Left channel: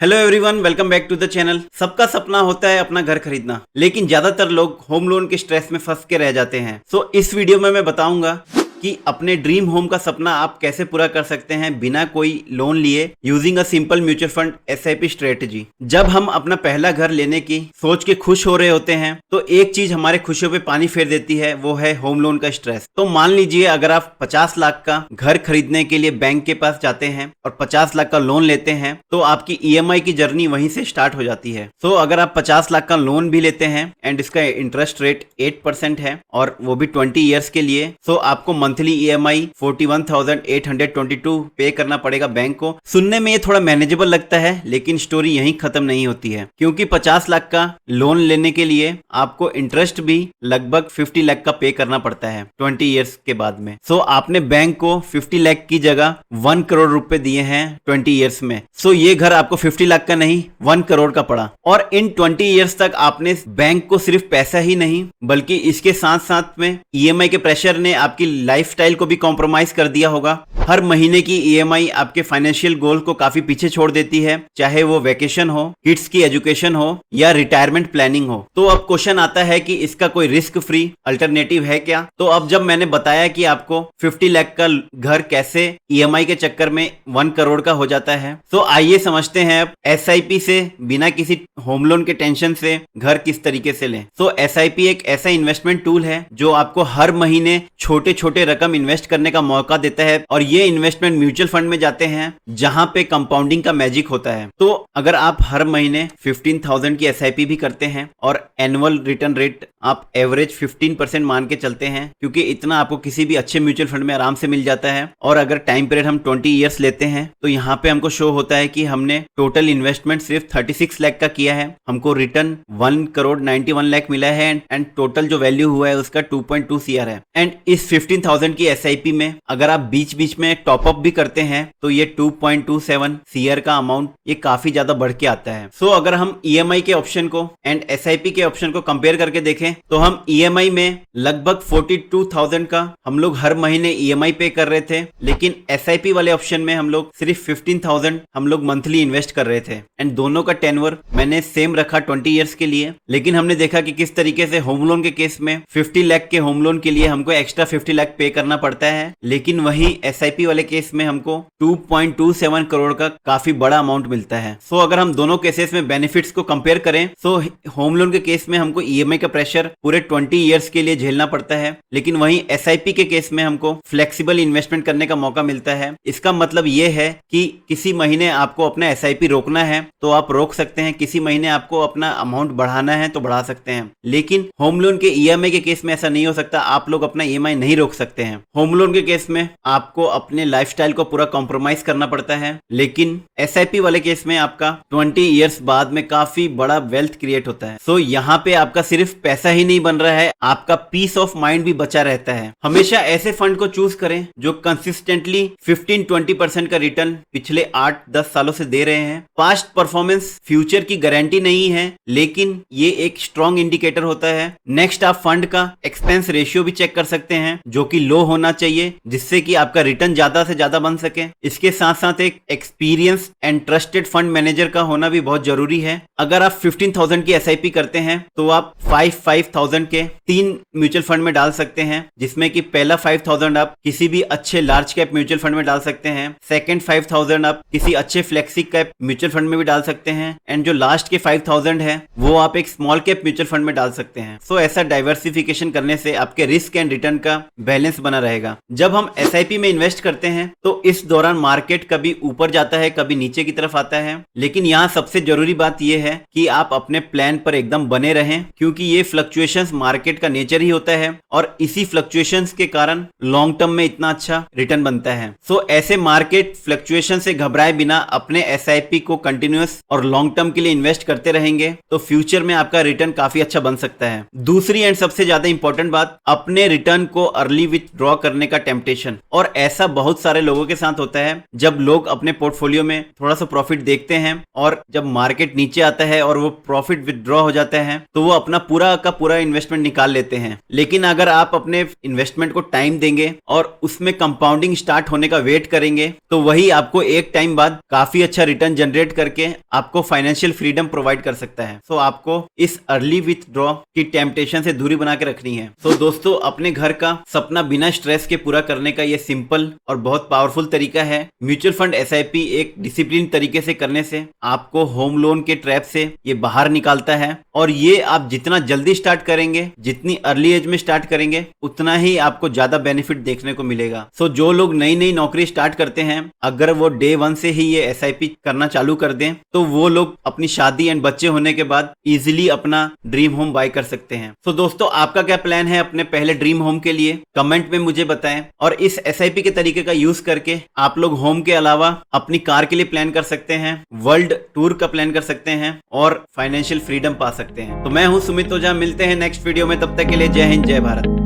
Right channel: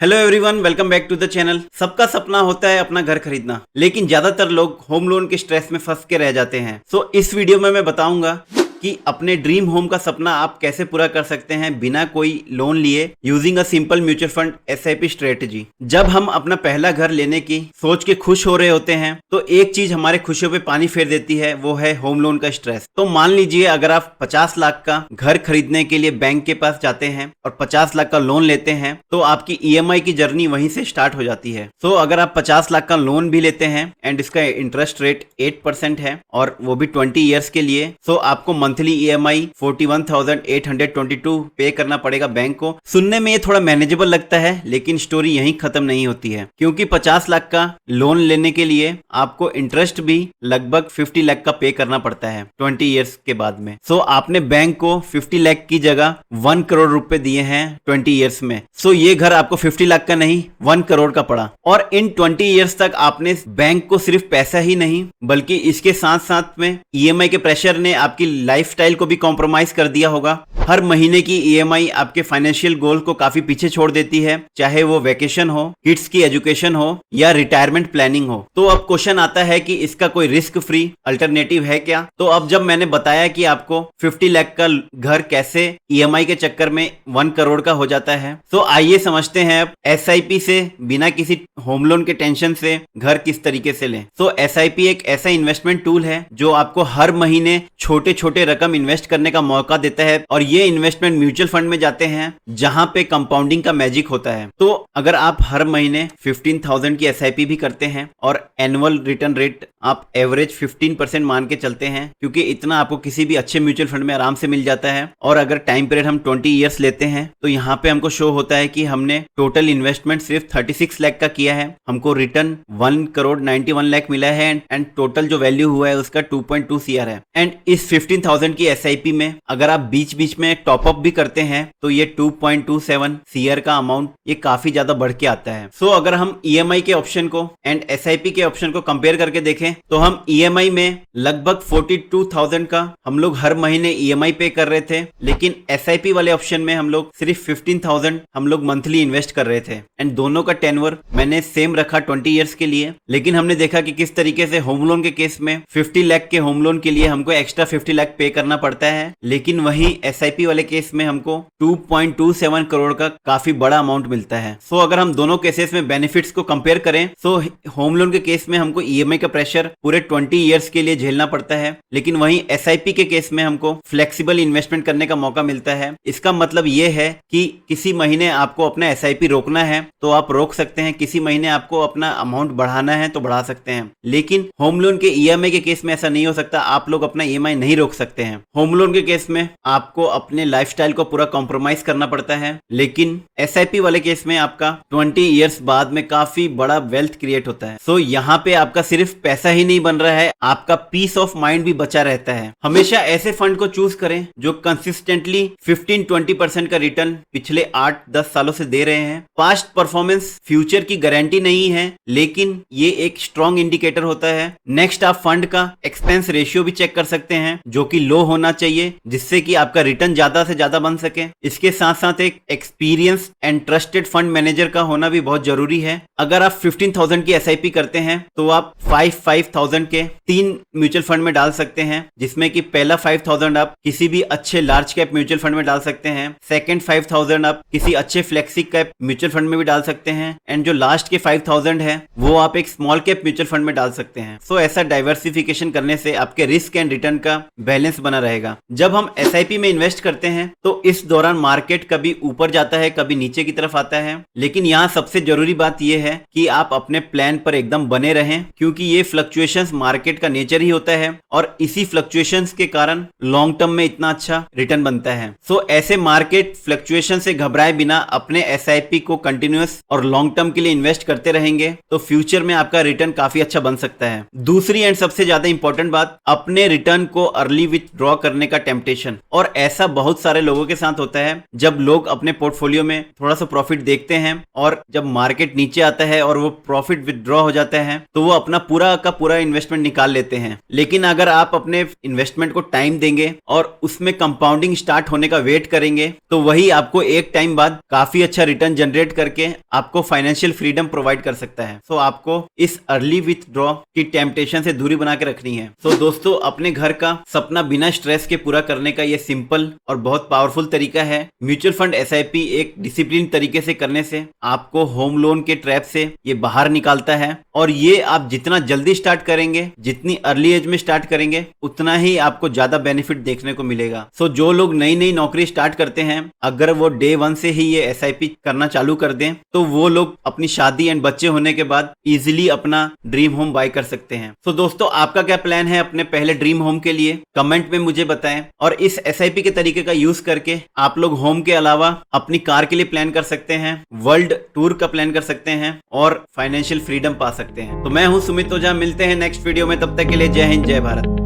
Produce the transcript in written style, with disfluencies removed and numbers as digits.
Hello everyone, welcome back to the channel. सबका सपना होता है अपना घर खरीदना, लेकिन ज्यादातर लोग होम लोन के स्ट्रेस में फंस के रह जाते हैं। सो इस वीडियो में मैं बताऊंगा कि अपने ड्रीम होम का सपना आप कैसे पूरा कर सकते हैं बिना कोई लोन लिए, using a simple mutual fund SIP strategy. जब हम अपना पहला घर लेने की सोच के खुश हो रहे होते हैं तो एक चीज हमारे खुशियों पे पानी फेर देती है, वो है होम लोन का स्ट्रेस। तो मान लीजिए अगर आप 50 लाख का घर खरीदने के लिए बैंक के पास जाते हैं और 50 लाख का लोन लेते हैं तो आपकी ईएमआई की जर्नी वहीं से स्टार्ट हो जाती है। सो अगर आप 50 लाख का लोन भी लेते हैं एंड इसका इंटरेस्ट रेट 8% है और वो भी 20 ईयर्स के लिए, सो आपको मंथली ईएमआई 41,822 पे करना पड़ेगा बैंक को। सुनने में ये थोड़ा मैनेजेबल लगता है, लेकिन स्टोरी यहीं खत्म नहीं होती है, क्योंकि 50 लाख का लोन लेने के लिए आपको इंटरेस्ट भी लगभग 50 लाख का पे करना पड़ता है 20 ईयर्स के बाद में। सो आपने बैंक को 50 लाख की जगह 1 करोड़ रुपए दिए हैं 20 ईयर्स में। सो ये घर आपको 50 लाख का नहीं 1 करोड़ का पड़ा। और इन 20 ईयर्स तक आपने बैंक को सिर्फ पैसा ही नहीं बल्कि इसके साथ साथ में ईएमआई के प्रेशर ने आपकी लाइफस्टाइल को भी कॉम्प्रोमाइज कर दिया होगा। हर महीने की ईएमआई आपके फाइनेंशियल गोल को काफी पीछे छोड़ देती है, चाहे वो वेकेशन हो, किड्स की एजुकेशन हो या रिटायरमेंट प्लानिंग हो। तो अब क्वेश्चन आता है कि इसका कोई रिस्क फ्री अल्टरनेटिव है क्या? तो अब जब मैंने बताया कि आपको 50 लाख का घर कैसे ईएमआई के चक्कर में 1 करोड़ का हो जाता है, तो आइए समझते हैं अब एसआईपी से बिना किसी होम लोन के टेंशन से घर किस तरीके से लें। तो एसआईपी एक ऐसा इन्वेस्टमेंट टूल है जो आपको हर महीने छोटे छोटे रकम इन्वेस्ट करने का मौका देता है, और ये इन्वेस्टमेंट म्यूचुअल फंड में जाते हैं जहां पे कंपाउंडिंग का मैजिक होता है। तो अगर आप हर महीने 15,000 की एसआईपी भी करते हैं और एनुअल रिटर्न रेट आप एवरेज 15% मान के चलते हैं, क्योंकि इतना आपको किसी भी अच्छे म्यूचुअल फंड में आराम से मिल जाता है। और अगर टाइम पीरियड हम 20 ईयर्स लेते हैं तो यहाँ पे हमको शो होता है कि हमने टोटल इन्वेस्टमेंट सिर्फ 36 लाख का किया है, हमको रिटर्न 1 करोड़ 91 लाख मिला है एंड टोटल जो वैल्यू हुआ है उसका 2.2 सीआर है। एंड इस 15,000 की एसआईपी में अगर आप बीच बीच में टॉप अप भी करते हैं तो ये 2.27 सीआर का अमाउंट ये काफी ज्यादा बढ़ के आता है। सो अगर हम ईएमआई के ऑप्शन को एंड एसआईपी के ऑप्शन को कंपेयर करके देखें तो हम ईएमआई में लगभग 42,000 का हम लोग हर महीने ईएमआई पे कर रहे थे, लेकिन एसआईपी वाले ऑप्शन में हम लोग सिर्फ 15,000 हम लोग मंथली इन्वेस्ट कर रहे थे। एंड दोनों का टेन्योर मैंने सेम रखा 20 ईयर्स के लिए, लेकिन हमने देखा कि किस तरीके से होम लोन के केस में 50 लाख के होम लोन के लिए हमको एक्स्ट्रा 50 लाख पे करना पड़ता है, लेकिन वहीं एसआईपी वाले केस में हमको 2.27 करोड़ का काफी बड़ा अमाउंट मिलता है। सो अगर हम दोनों केसेस में बेनिफिट्स को कंपेयर करें तो होम लोन के केस में हमको ईएमआई का प्रेशर पूरे 20 ईयर्स के लिए झेलना पड़ता है, लेकिन वहीं एसआईपी के केस में हमको फ्लेक्सिबल इन्वेस्टमेंट करने का मौका मिलता है। इसका मतलब ये है कि किसी महीने आपको अपना एसआईपी रोकना है तो आप रोक सकते हैं, किसी महीने आपको अपना अमाउंट बढ़ाना है तो बढ़ा सकते हैं, लेकिन होम लोन के ईएमआई के केस में ऐसा नहीं हो सकता। आप लोग अपना ईएमआई नहीं रोक सकते हैं। होम लोन के केस में आपको अपने लाइफस्टाइल को पूरा कॉम्प्रोमाइज करना पड़ता है, लेकिन एसआईपी वाले केस में आपका 20 ईयर्स बाद में काफी बड़ा वेल्थ क्रिएट होता है। सो यहाँ पे आपका सिर्फ पैसा ही नहीं बन रहा है, आपका पीस ऑफ माइंड भी बचा रहता है। हमेशा ऐसे फंड को चूज करें जो कंसिस्टेंटली 15-20% का रिटर्न पिछले 8-10 सालों से दे रहे हैं। पास्ट परफॉर्मेंस फ्यूचर की गारंटी नहीं है, लेकिन ये एक स्ट्रॉन्ग इंडिकेटर होता है। नेक्स्ट आप फंड का एक्सपेंस रेशियो भी चेक कर सकते हैं, जो कि लो होना चाहिए, जिससे कि आपका रिटर्न ज्यादा से ज्यादा बन सके। इसके साथ साथ एक experience and trusted fund manager का होना भी बहुत जरूरी है। अगर आप 15,000 की एसआईपी करते हैं तो आप 5,000 के 3 म्यूचुअल फंड में डाल सकते हैं, जिसमें कि पहला 5,000 आप किसी भी अच्छे लार्ज कैप म्यूचुअल फंड में डाल सकते हैं, सेकंड 5,000 आप किसी अच्छे फ्लेक्सी कैप म्यूचुअल फंड में भी डाल सकते हैं, एंड जो लास्ट के 5,000 है वो आप एक स्मॉल कैप म्यूचुअल फंड में डाल सकते हैं। सो ऐसा डाइवर्सिफिकेशन करने से आपके रिस्क एंड रिटर्न का बैलेंस बना रहेगा। जब हम एसआईपी में इन्वेस्ट करते हैं तो इस दौरान मार्केट कभी ऊपर जाता है कभी नीचे की तरफ आता है, लेकिन यहाँ सबसे जरूरी बात यह है कि आप अपने प्लान पर एकदम बने रहें, क्योंकि ये फ्लक्चुएशंस मार्केट का नेचर ही होता है और इसी फ्लक्चुएशंस के कारण लॉन्ग टर्म में इतना अच्छा रिटर्न बनता है। सो ऐसे मार्केट फ्लक्चुएशन से घबराए बिना अपने एसआईपी को कंटिन्यूअस और लॉन्ग टर्म के लिए इन्वेस्ट करते रहेंगे तो फ्यूचर में आपका रिटर्न काफी अच्छा बन सकता है। दूसरी एंड सबसे ज्यादा इंपॉर्टेंट बात, अपने रिटर्न को अर्ली विथड्रॉ करने का टेम्पटेशन। और ऐसा बहुत सारे लोगों के साथ होता है जब लोग अपने पोर्टफोलियो में थोड़ा सा प्रॉफिट देखते हैं और जब मार्केट नीचे आता है और वो प्रॉफिट विथड्रॉ हो जाता है तो वो अपना पूरा का पूरा इन्वेस्टमेंट निकाल लेते हैं। लेकिन अगर आप अपने इन्वेस्टमेंट को टाइम देंगे और उसमें कंपाउंडिंग स्टार्ट होने का वेट करेंगे तो वही आपको एक टाइम बाद काफी अच्छा रिटर्न जनरेट करके आपको फाइनेंशियल फ्रीडम प्रोवाइड कर सकता है। सो आपको इस अर्ली विथड्रॉ की टेम्पटेशन से दूरी बना के रखनी है। तो दोस्तों, अपने घर का सपना बिना स्ट्रेस के पूरा करने का ये सिंपल और बहुत पावरफुल तरीका है। म्यूचुअल फंड एसआईपी एक डिसिप्लिन तरीके से करने से आपको होम लोन के ट्रैप से ये बाहर निकालता है। और ये आप जितना जल्दी स्टार्ट करेंगे, जितनी अर्ली एज में स्टार्ट करेंगे, उतना ही आपको ज्यादा बेनिफिट देखने को मिलेगा। सो जो लोग नई नई नौकरी स्टार्ट करते हैं, अगर वो डे 1 से ही ये एसआईपी करना चालू कर दें तो वो लोग अपनी शादी एंड बच्चे होने के बाद इजीली अपना ड्रीम होम बाय कर सकते हैं। सो दोस्तों, आपका क्या प्लान है अपने पहले ड्रीम होम के लिए? कमेंट में मुझे बताएं। और इस एसआईपी के तरीके का यूज करके आप लोग होम के अलावा अपनी कार के लिए प्लान कर सकते हैं, वर्ल्ड टूर का प्लान कर सकते हैं और फाइनेंशियल फ्रीडम पा सकते हैं। तो मैं हूं सुमित ओझा, मिलते हैं नेक्स्ट वीडियो में। तब तक के लिए जय हिंद, जय भारत।